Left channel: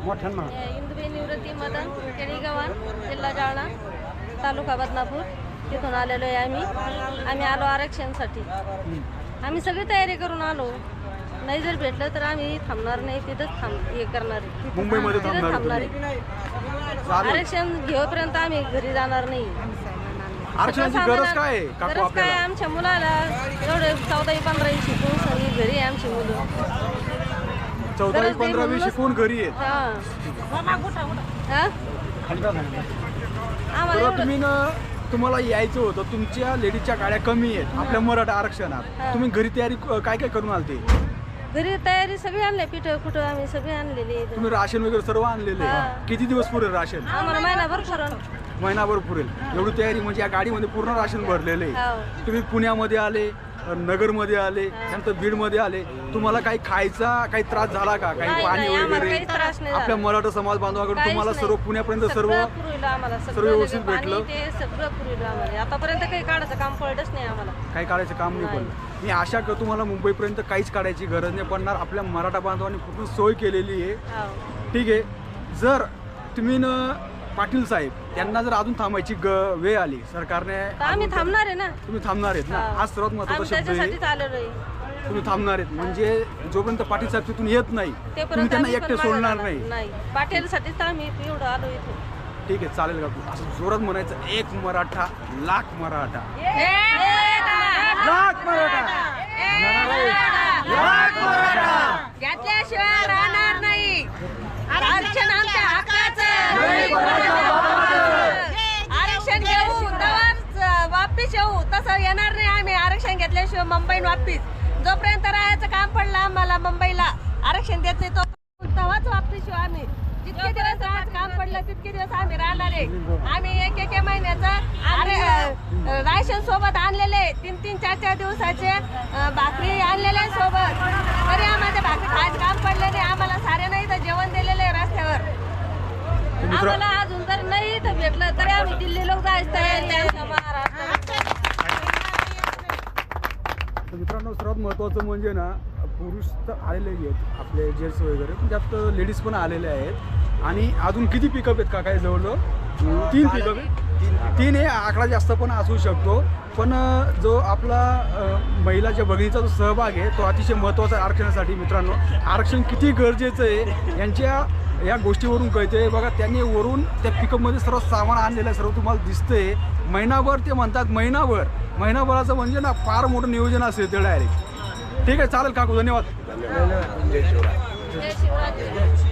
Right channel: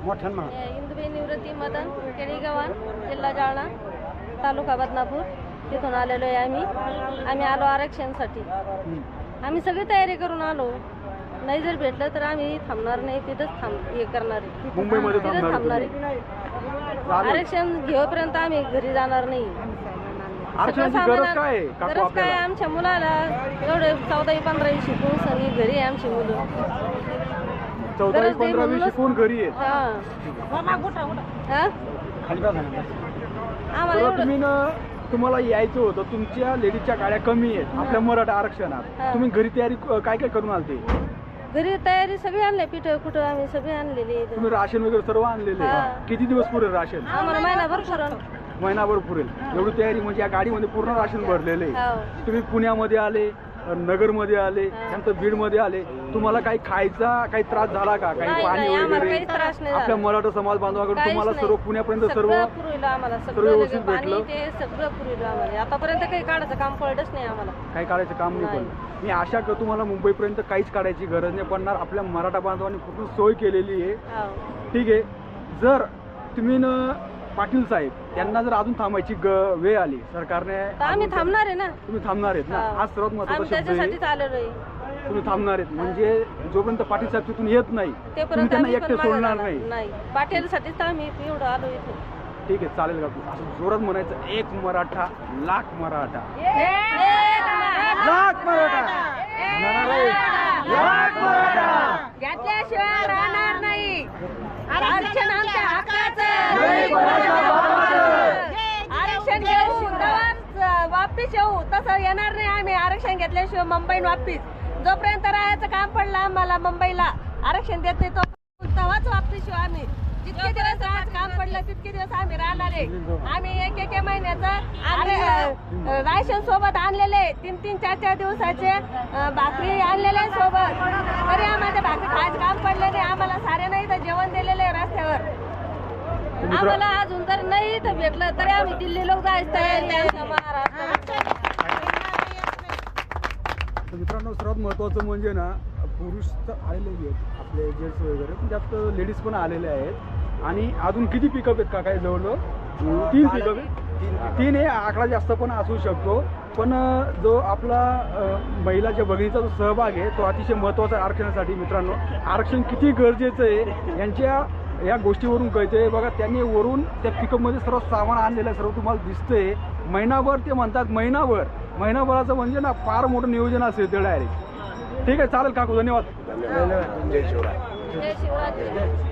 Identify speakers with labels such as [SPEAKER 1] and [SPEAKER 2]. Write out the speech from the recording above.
[SPEAKER 1] मोठ्यानं म्हणा.
[SPEAKER 2] इंदुबाई निवृत्ती मदन केळीगव्हाण, जिल्हा जालना, तालुका बदनापूर. तिथून आलेलो आहे आम्ही आलो आरक्षणासाठी. आम्ही सगळी तयारी करून आलो. नाही जर भेटलं तर आम्ही थांबणार नाही, तिथंच हे करणार आहे, तिथंच थांबणार आहे. आरक्षण घेऊपर्यंत आम्ही घरी जाणार नाही. गरज काय आमच्या मुलाला एवढे 14-15 शिकून सगळी घरी आहे आमची मुलं.
[SPEAKER 3] 14-15 शिकून घरी आहे. तुम्हाला यायचं होतं, तुमच्या लेडीजच्या गाड्या कमी आहेत आपल्या मराठा आरक्षणात. तुम्ही घरी तयारी काय काय करून आलते?
[SPEAKER 2] घरी तयारी सगळी आणली, पीठ कुठं आम्ही सगळी आणलेली.
[SPEAKER 3] तुम्ही राशन वगैरे सर्व आणलेले? किती दिवस पुरेल राशन?
[SPEAKER 2] आम्हाला
[SPEAKER 3] महिनाभर पुरेल एवढी तयारी. म्हणजे या गाडीमध्ये पूर्ण राशन भरलेलं आहे. तुम्ही पुण्यामध्ये आले, नगरमध्ये आले, नंतर बीडमध्ये आले. तुम्हाला काही खायचा काही त्रास झाला का? काही पाणी वगैरे? आपल्या मराठा समाज बांधवाकडून तुम्हाला सर्व पुण्यापर्यंत सर्व व्यवस्थित भेटलं?
[SPEAKER 2] आतापर्यंत काही काढायचं काम पडलंच नाही आम्हाला.
[SPEAKER 3] काही काढायचं काम नाही पडलं. मी आशा करतो तुम्हाला मुंबईपर्यंत काहीच काढायची गरज नाही पडणार. आपल्या मराठा बांधवांनी खूप सोय केलेली आहे. ठीक आहे. जर तुम्ही पाटील साहेब यांना जर अजून थांबायची वेळ आली सरकारने,
[SPEAKER 2] आम्ही थांबणार आहे ना.
[SPEAKER 3] तुम्ही थांबणार आहेत ना? हा सर्वात महत्त्वाचा शब्द आहे. तुम्ही थांबणार आहेत म्हणजे जोपर्यंत पाटील साहेब तिथून येत नाही तुम्ही त्यांना एकटे सोडणार नाही.
[SPEAKER 2] पाटीलसाठीच आम्ही एवढं आलो इथे.
[SPEAKER 3] ठीक आहे, चालेल का? असं जोरात म्हणायचं, एक मराठा लाख मराठा, लाख मराठा, लाख मराठा
[SPEAKER 2] घेतल्याशिवाय राहणार नाही. आरक्षण आमच्या हक्काचं. आरक्षण घेऊ तर वापिस येऊ, तसं येणार नाही आम्ही. आरक्षण घेतल्याशिवाय मुंबईन वापिस. जोपर्यंत राहायचं काम पडलं आम्हाला मुंबईला, आरक्षण देत नाही तो तेव्हाच वापिस येऊ आम्ही. जितके दिवस राहायचं काम पडलं तितके दिवस आम्ही राहणार आहे. आम्ही एक महिन्याचं राशन सोबत आणलेले, 3-4 दिवसाचे भाकरी आणलेले सोबत. तरी आम्हाला भाकरी खायचं काम पडलं नाही. आम्हाला सारे नाही तर जेवण दिलेलं आहे रस्त्यावर. आम्हाला अजून जर नाही तर भेटलं तरी आम्ही दिल्ली लोक जायचं तयारी आहे महाराष्ट्रात.
[SPEAKER 3] मित्रांनो, सर्वात महत्त्वाचं म्हणजे ना, पुरुष तर आलेले आहेत आपले जेंट्स वगैरे, पण त्यात लेडीज पण आलेले आहेत. आणि अजून किती पिकअप आहेत का? काय जवळजवळ 3 पिकअप आहेत. 3 हे आकडा जास्त पण असू शकतो. पण जो आपला महिलाच्या भगिनीचा जो सहभाग आहे तो अतिशय महत्त्वाचा आहे आरक्षणासाठी. मित्रांनो, आरक्षण किती गरजेचं आहे यांच्या या गोष्टीवरून कळते. बघा, त्यांनी वरून त्या पिकअपमध्ये सर्व सामान आणलेलं आहे, सर्व तुम्हाला दिसतंय. महिनाभर ते म्हणतात, महिनाभराचं म्हणजे ना फार मोठं नियोजन असेल ते डायरेक्ट. ठीक आहे, चालेल काकू, धन्यवाद.
[SPEAKER 2] जय शिवराज.